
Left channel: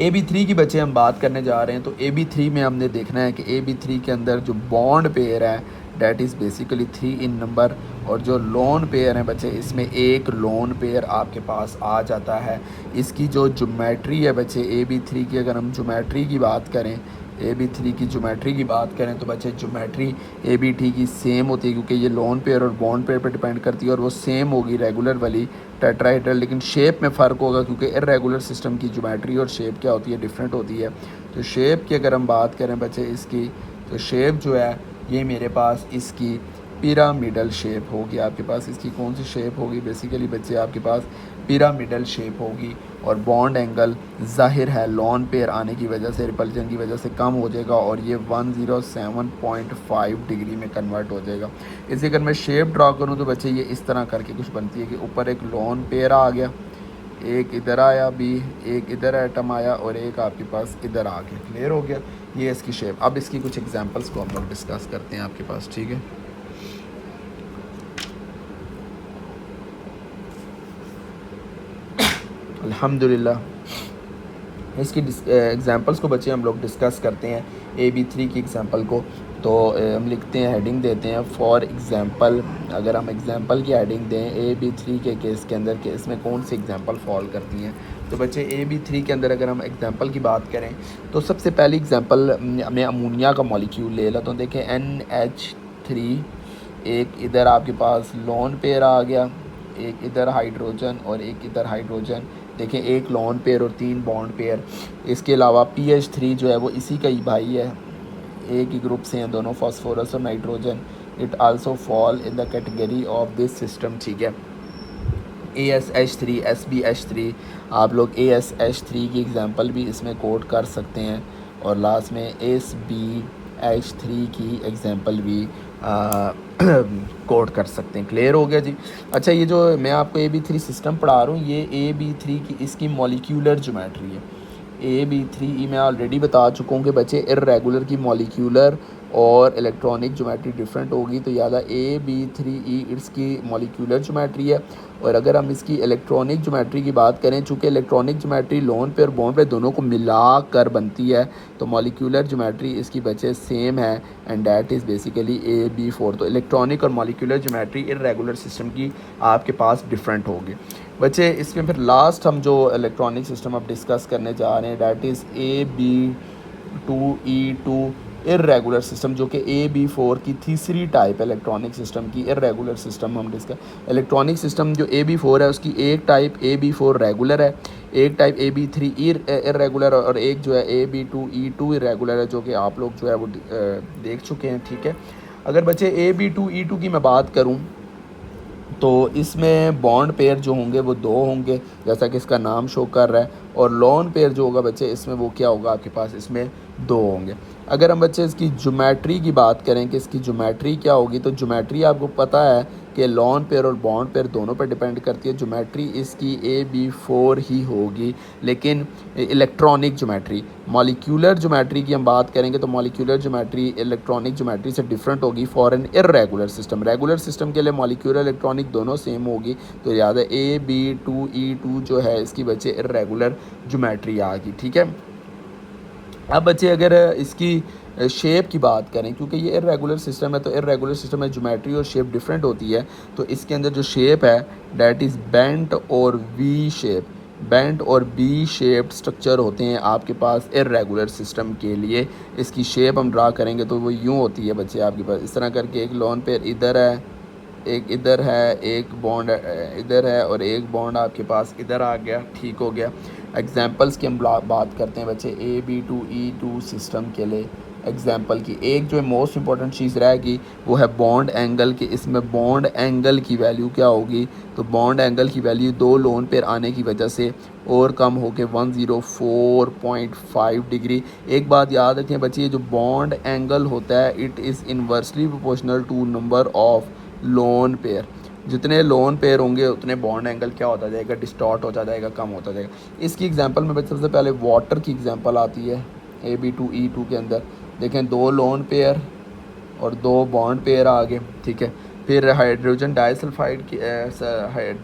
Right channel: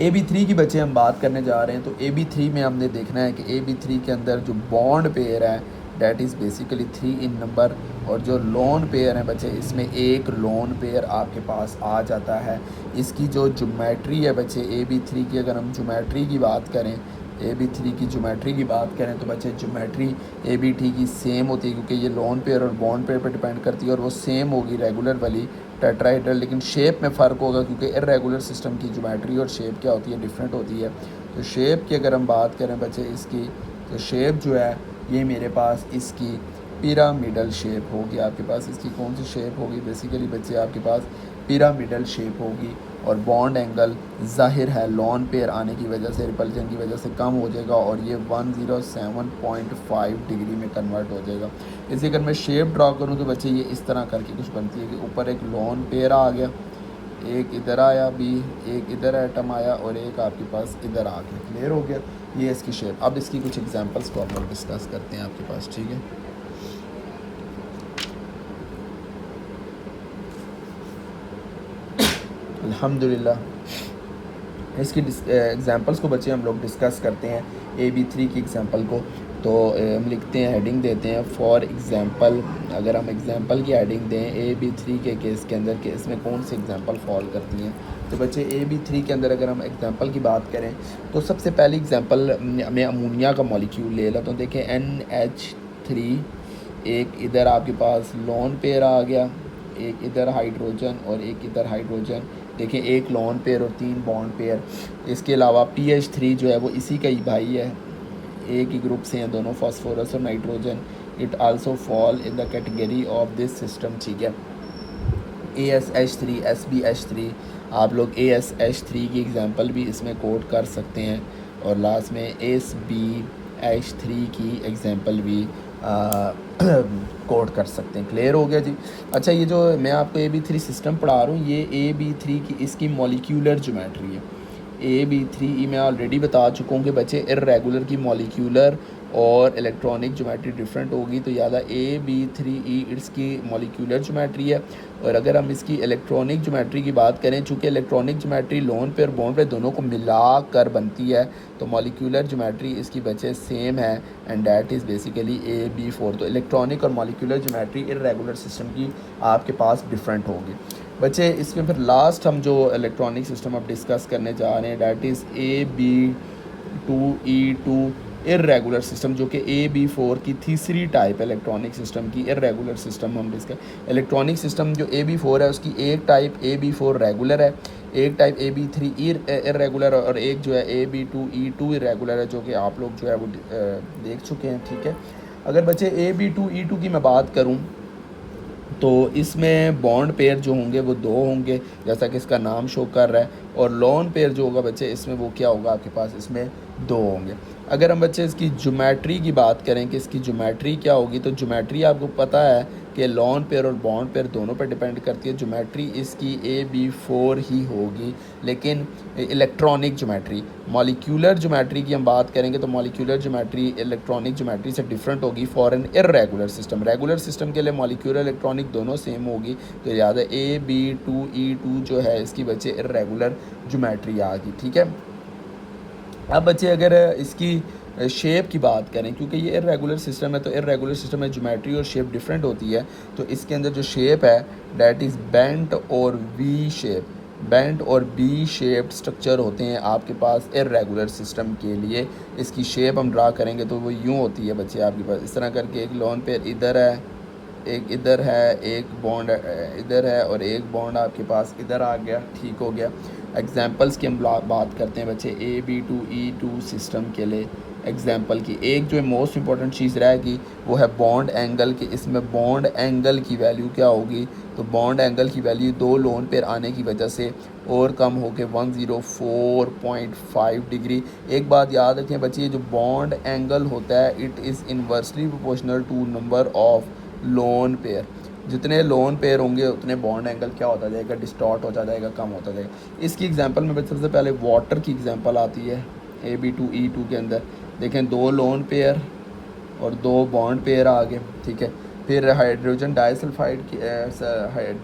AB3 की बच्चे हम बात करने जा रहे हैं। तो AB3 में हमने देखना है कि AB3 के अंदर जो बॉन्ड पेयर है that is basically 3 in number, और जो लोन पेयर है बच्चे इसमें एक लोन पेयर आपके पास आ जाता है। इसकी जो ज्योमेट्री है बच्चे AB3 की, अगर हम ज्योमेट्री की बात करें, AB3 की ज्योमेट्री की बात करें तो बच्चे ज्योमेट्री AB3 की सेम होती है, क्योंकि ये लोन पेयर और बॉन्ड पेयर पर डिपेंड करती है और वो सेम होगी रेगुलर वाली टेट्राहेड्रल, लेकिन शेप में फ़र्क होगा क्योंकि इर्रेगुलर सिस्टम की ज्योमेट्री और शेप क्या होती है, डिफरेंट होती है। तो शेप की अगर हम बात करें बच्चे इसकी, तो शेप जो है ये मेरे पास इसकी पिरामिडल शेप होगी। आपके पास इसकी कौन सी शेप होगी, बेसिकली बच्चे आपके पास पिरामिडल शेप होगी। और बॉन्ड एंगल ज़ाहिर है लॉन पेयर आने की वजह से, रिपल्जन की वजह से कम हो जाएगा और ये 107.5 डिग्री में कन्वर्ट हो जाएगा। इसी अगर मैं शेप ड्रॉ करूँ तो बच्चे ये इस तरह करके कुछ बनती है कि ऊपर एक लॉन पेयर आ गया, एक इधर आया बी, एक इधर एटम आया और एक आपके पास इधर आ गया। क्लियर हो गया, ये इसकी शेप। अब इसकी कुछ एग्जांपल्स को हम लोग डिस्कस करते हैं आपके पास, ठीक है। अल्हम्दुलिल्लाह इसकी एग्जांपल्स को बच्चे हम लोग डिस्कस करते हैं। AB3 की एग्जांपल को तो हम लिखते हैं, हेडिंग देते हैं फॉर एग्जांपल। अगर हम एग्जांपल की हेडिंग दें AB3 के केस के अंदर कि इसमें कौन सी एग्जांपल फॉल करती हैं, तो बच्चे AB3 के अंदर अगर हम एग्जांपल की बात करें तो सबसे पहली एग्जांपल मैं अमोनिया का मॉलिक्यूल ले लेता हूँ। देखें NH3, एक इधर आपके पास लोन पेयर आ गया, एक इधर हाइड्रोजन और एक इधर हाइड्रोजन। देखें एक लोन पेयर और 3 बॉन्ड पेयर। इसके अलावा PH3 जो है वो इसी का ही भाई है, एक ही ग्रुप से हैं दोनों, फास्फोरस और nitrogen. It also fall in the category of this system, ठीक है। ASH3, SbH3, आप लोग ASH3 की एग्जांपल भी इसमें कोट कर सकते हैं। और लास्ट में SbH3 की एग्जांपल भी कोड कर सकते हैं। क्लियर हो गया जी। अच्छा, ये जो मैं आपको AB3 सिस्टम पढ़ा रहा हूँ, ये AB3 की इसकी मॉलिक्यूलर ज्योमेट्री है। AB3 मैं ऑलरेडी बता चुका हूँ कि बच्चे इर्रेगुलर की मॉलिक्यूलर और इलेक्ट्रॉनिक ज्योमेट्री डिफरेंट होगी। तो याद है AB3E इसकी मॉलिक्यूलर ज्योमेट्री है। और अगर हम इसकी इलेक्ट्रॉनिक ज्योमेट्री की बात करें, चूँकि इलेक्ट्रॉनिक ज्योमेट्री लोन पे और बॉन्ड पे दोनों को मिला कर बनती है, तो मॉलिक्यूलर ज्योमेट्री इसकी बच्चे सेम है and that is basically AB4। तो इलेक्ट्रॉनिक और मॉलिक्यूलर ज्योमेट्री इर्रेगुलर सिस्टम की आपके पास डिफरेंट होगी बच्चे। इसमें फिर लास्ट हम जो इलेक्ट्रॉनिक सिस्टम अब डिस्कस करने जा रहे हैं that is AB2E2 irregular system, जो कि AB4 की तीसरी टाइप इलेक्ट्रॉनिक सिस्टम की इर्रेगुलर सिस्टम हम डिस्कस। इलेक्ट्रॉनिक सिस्टम जो AB4 है उसकी एक टाइप AB4 रेगुलर है, एक टाइप AB3 इर्रेगुलर और एक जो है AB2E2 इर्रेगुलर है, जो कि आप लोग जो है वो देख चुके हैं, ठीक है। अगर बच्चे AB2E2 की मैं बात करूँ तो इसमें बॉन्ड पेयर जो होंगे वो 2 होंगे, जैसा कि इसका नाम शो कर रहा है। और लोन पेयर जो होगा बच्चे इसमें वो क्या होगा आपके पास, इसमें 2 होंगे। अगर हम बच्चे इसकी ज्योमेट्री की बात करें कि इसकी ज्योमेट्री क्या होगी, तो ज्योमेट्री आपको पता है कि लोन पेयर और बॉन्ड पेयर दोनों पर डिपेंड करती है। ज्योमेट्री इसकी AB4 ही होगी, लेकिन इलेक्ट्रॉनिक ज्योमेट्री, मॉलिक्यूलर ज्योमेट्री की हम बात करेंगे तो मॉलिक्यूलर ज्योमेट्री इलेक्ट्रॉनिक ज्योमेट्री से डिफरेंट होगी for an irregular system. Regular system के लिए मॉलिक्यूलर इलेक्ट्रॉनिक दोनों सेम होगी। तो याद है AB2E2 जो है इसकी बच्चे इर्रेगुलर ज्योमेट्री आ गई, ठीक है। अब बच्चे अगर इसकी शेप की बात करें, क्योंकि ये इर्रेगुलर सिस्टम है तो इर्रेगुलर सिस्टम में ज्योमेट्री और शेप डिफरेंट होती है। तो इसके अंदर जो शेप है डैट इज़ बेंट और वी शेप। बेंट और बी शेप्ड स्ट्रक्चर होते हैं आपके पास इर्रेगुलर सिस्टम के लिए। इसकी शेप हम ड्रा करेंगे तो वो यूँ होती है बच्चे आपके पास इस तरह करके, एक लोन पेयर इधर है, एक इधर है, एक बॉन्ड इधर है और एक बॉन्ड आपके पास इधर आ गया, ठीक हो गया। एग्जांपल्स की हम बात करते हैं बच्चे AB2E2 सिस्टम के लिए। एग्जांपल की एक जो मोस्ट इंपॉर्टेंट चीज़ रहेगी वो है बॉन्ड एंगल की। इसमें बॉन्ड एंगल की वैल्यू क्या होगी, तो बॉन्ड एंगल की वैल्यू 2 लोन पेयर आने की वजह से और कम होकर 104.5 डिग्री। एक बात याद रखें बच्चे, ये जो बॉन्ड एंगल होता है it is inversely proportional to number of lone pair. जितने लोन पेयर होंगे उतने बॉन्ड एंगल क्या होता जाएगा, डिस्टॉर्ट होता जाएगा, कम होता जाएगा। इसकी एग्जांपल में बच्चे सबसे पहले वाटर की एग्जांपल आती है AB2E2 के अंदर। देखें 2 लोन पेयर और 2 बॉन्ड पेयर आ गए, ठीक है। फिर हाइड्रोजन डाईसल्फाइड की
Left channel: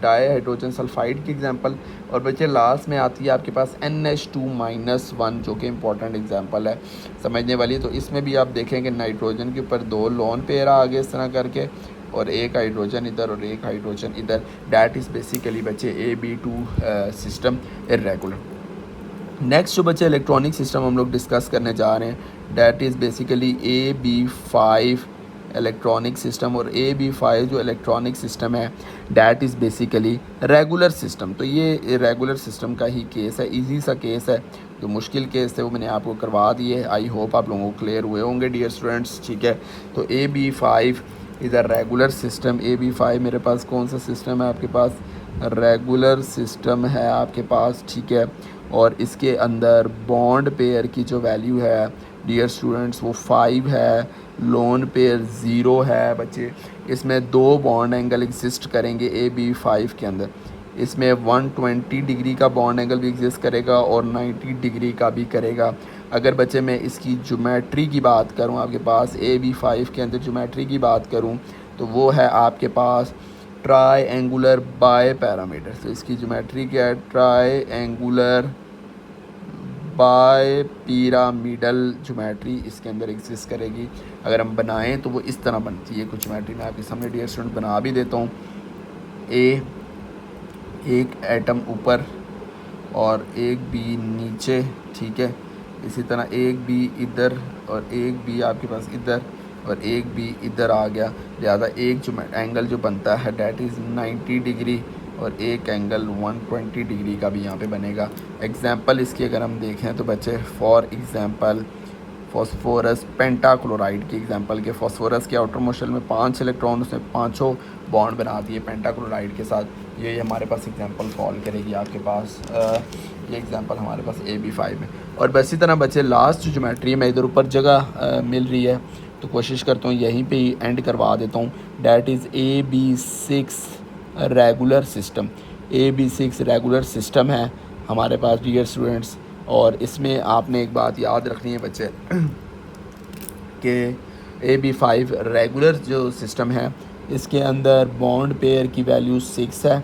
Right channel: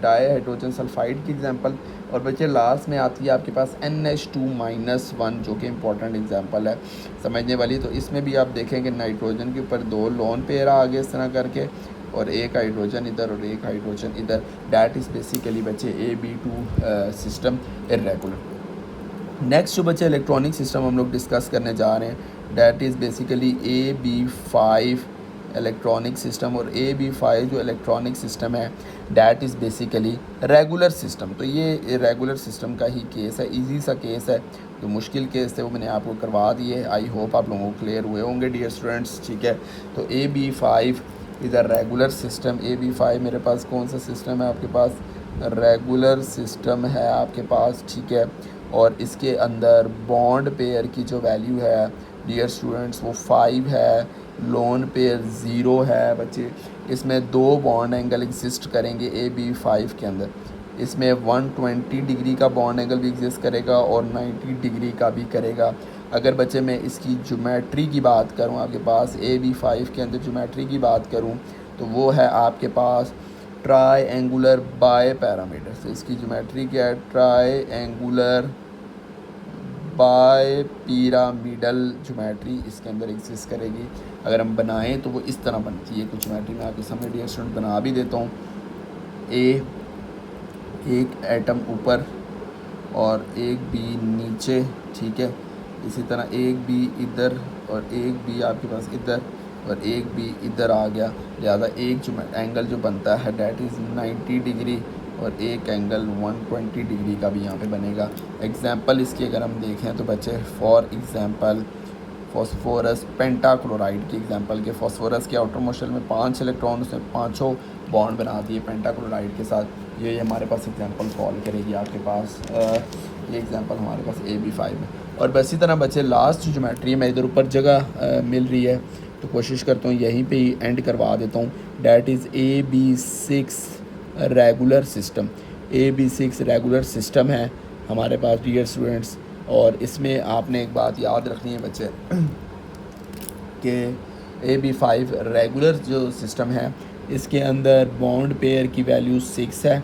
डाई हाइड्रोजन सल्फाइड की एग्जांपल। और बच्चे लास्ट में आती है आपके पास NH2-1 जो कि इंपॉर्टेंट एग्जांपल है समझने वाली। तो इसमें भी आप देखेंगे नाइट्रोजन के ऊपर 2 लोन पेयर आ गए इस तरह करके, और एक हाइड्रोजन इधर और एक हाइड्रोजन इधर। डैट इज़ बेसिकली बच्चे AB2 सिस्टम इर्रेगुलर। नेक्स्ट जो बच्चे इलेक्ट्रॉनिक सिस्टम हम लोग डिस्कस करने जा रहे हैं that is basically AB5 electronic system, और AB5 जो इलेक्ट्रॉनिक सिस्टम है that is basically regular system. तो ये रेगुलर सिस्टम का ही केस है, इजी सा केस है। जो मुश्किल केस थे वो मैंने आपको करवा दिए। आई होप आप लोगों को क्लियर हुए होंगे डियर स्टूडेंट्स, ठीक है। तो AB5 is a regular system. AB5 मेरे पास कौन सा सिस्टम है आपके पास? रेगुलर सिस्टम है आपके पास, ठीक है। और इसके अंदर बॉन्ड पेयर की जो वैल्यू है डियर स्टूडेंट्स वो 5 है, लोन पेयर 0 है बच्चे। इसमें 2 बॉन्ड एंगल एग्जिस्ट करेंगे AB5 के अंदर। इसमें 120 डिग्री का बॉन्ड एंगल भी एग्जिस्ट करेगा और 90 डिग्री का भी करेगा। अगर बच्चे मैं इसकी ज्योमेट्री की बात करूं, आपके पास AB5 के अंदर ज्योमेट्री की बात करूं तो वो है आपके पास ट्राई एंगुलर बाय पैरामीटर। तो इसकी ज्योमेट्री क्या है? Triangular bipyramidal geometry इसके अंदर एग्जिस्ट करेगी। अगर हम बनाएं तो वो इस तरह बनती है कुछ ज्योमेट्री। मैं आपके सामने डियर स्टूडेंट बना भी देता हूँ। एक एटम ऊपर और एक बी नीचे, ठीक है। इसी तरह एक बी इधर और एक बी आपके पास इधर और एक बी इधर आ गया। ज़्यादा एक जो एंगल जो बनता है डैट इज़ 90 डिग्री और एक एंगल 120 डिग्री का भी यहाँ पे बनेगा। एग्जांपल इसकी अगर हम देखें तो बच्चे फॉर एग्जांपल फॉस्फोरस पेंटाक्लोराइड की एग्जांपल के फॉस्फोरस के आउटर मोशन में 5 इलेक्ट्रॉन से 5 बॉन्ड बना दिए पेंटाक्लोराइड के साथ। ये हमारे पास एग्जांपल फॉल करेगी आपके पास। ये एग्जांपल हमारे पास AB5 है। और बस इसी तरह बच्चे लास्ट ज्योमेट्री में इधर ऊपर जगह मिल रही है तो कोशिश करता हूँ यहीं पे ही एंड करवा देता हूँ। That is AB6 regular system. AB6 regular system है हमारे पास डियर स्टूडेंट्स। और इसमें आपने एक बात याद रखनी है बच्चे कि AB5 रेगुलर जो सिस्टम है इसके अंदर बॉन्ड पेयर की वैल्यू 6 है।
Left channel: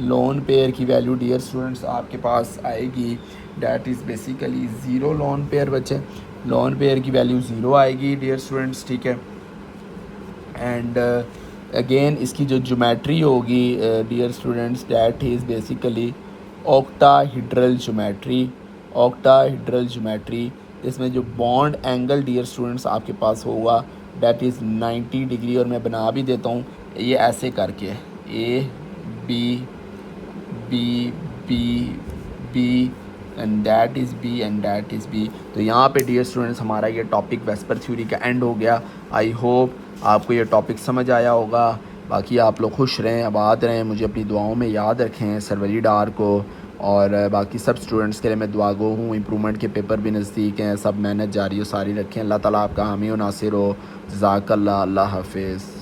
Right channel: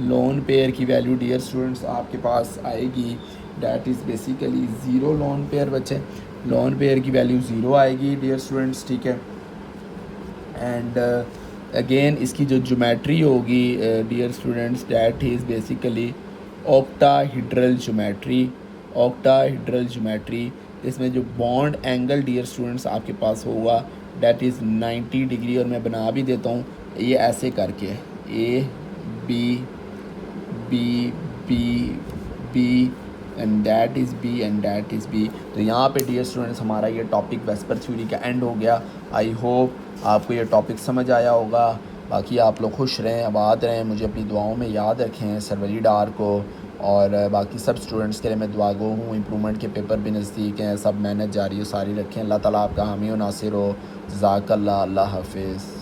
लोन पेयर की वैल्यू डियर स्टूडेंट्स आपके पास आएगी that is basically 0 lone pair बच्चे। लोन पेयर की वैल्यू 0 आएगी डियर स्टूडेंट्स, ठीक है। एंड अगेन इसकी जो ज्योमेट्री होगी dear students that is basically octahedral geometry. Octahedral geometry इसमें जो बॉन्ड एंगल डियर स्टूडेंट्स आपके पास होगा डैट इज़ 90 डिग्री। और मैं बना भी देता हूँ ये ऐसे करके A B B B B and that is B and that is B। तो यहाँ पे डियर स्टूडेंट्स हमारा ये टॉपिक वेस्पर थ्योरी का एंड हो गया। आई होप आपको ये टॉपिक समझ आया होगा। बाकी आप लोग खुश रहें, आबाद रहें, मुझे अपनी दुआओं में याद रखें सरवरी डार को। और बाकी सब स्टूडेंट्स के लिए मैं दुआगो हूँ। इम्प्रूवमेंट के पेपर भी नज़दीक हैं, सब मेहनत जारी हो सारी रखें। अल्लाह ताला आपका हामी व नासिर हो। जज़ाकल्लाह। अल्लाह हाफिज़।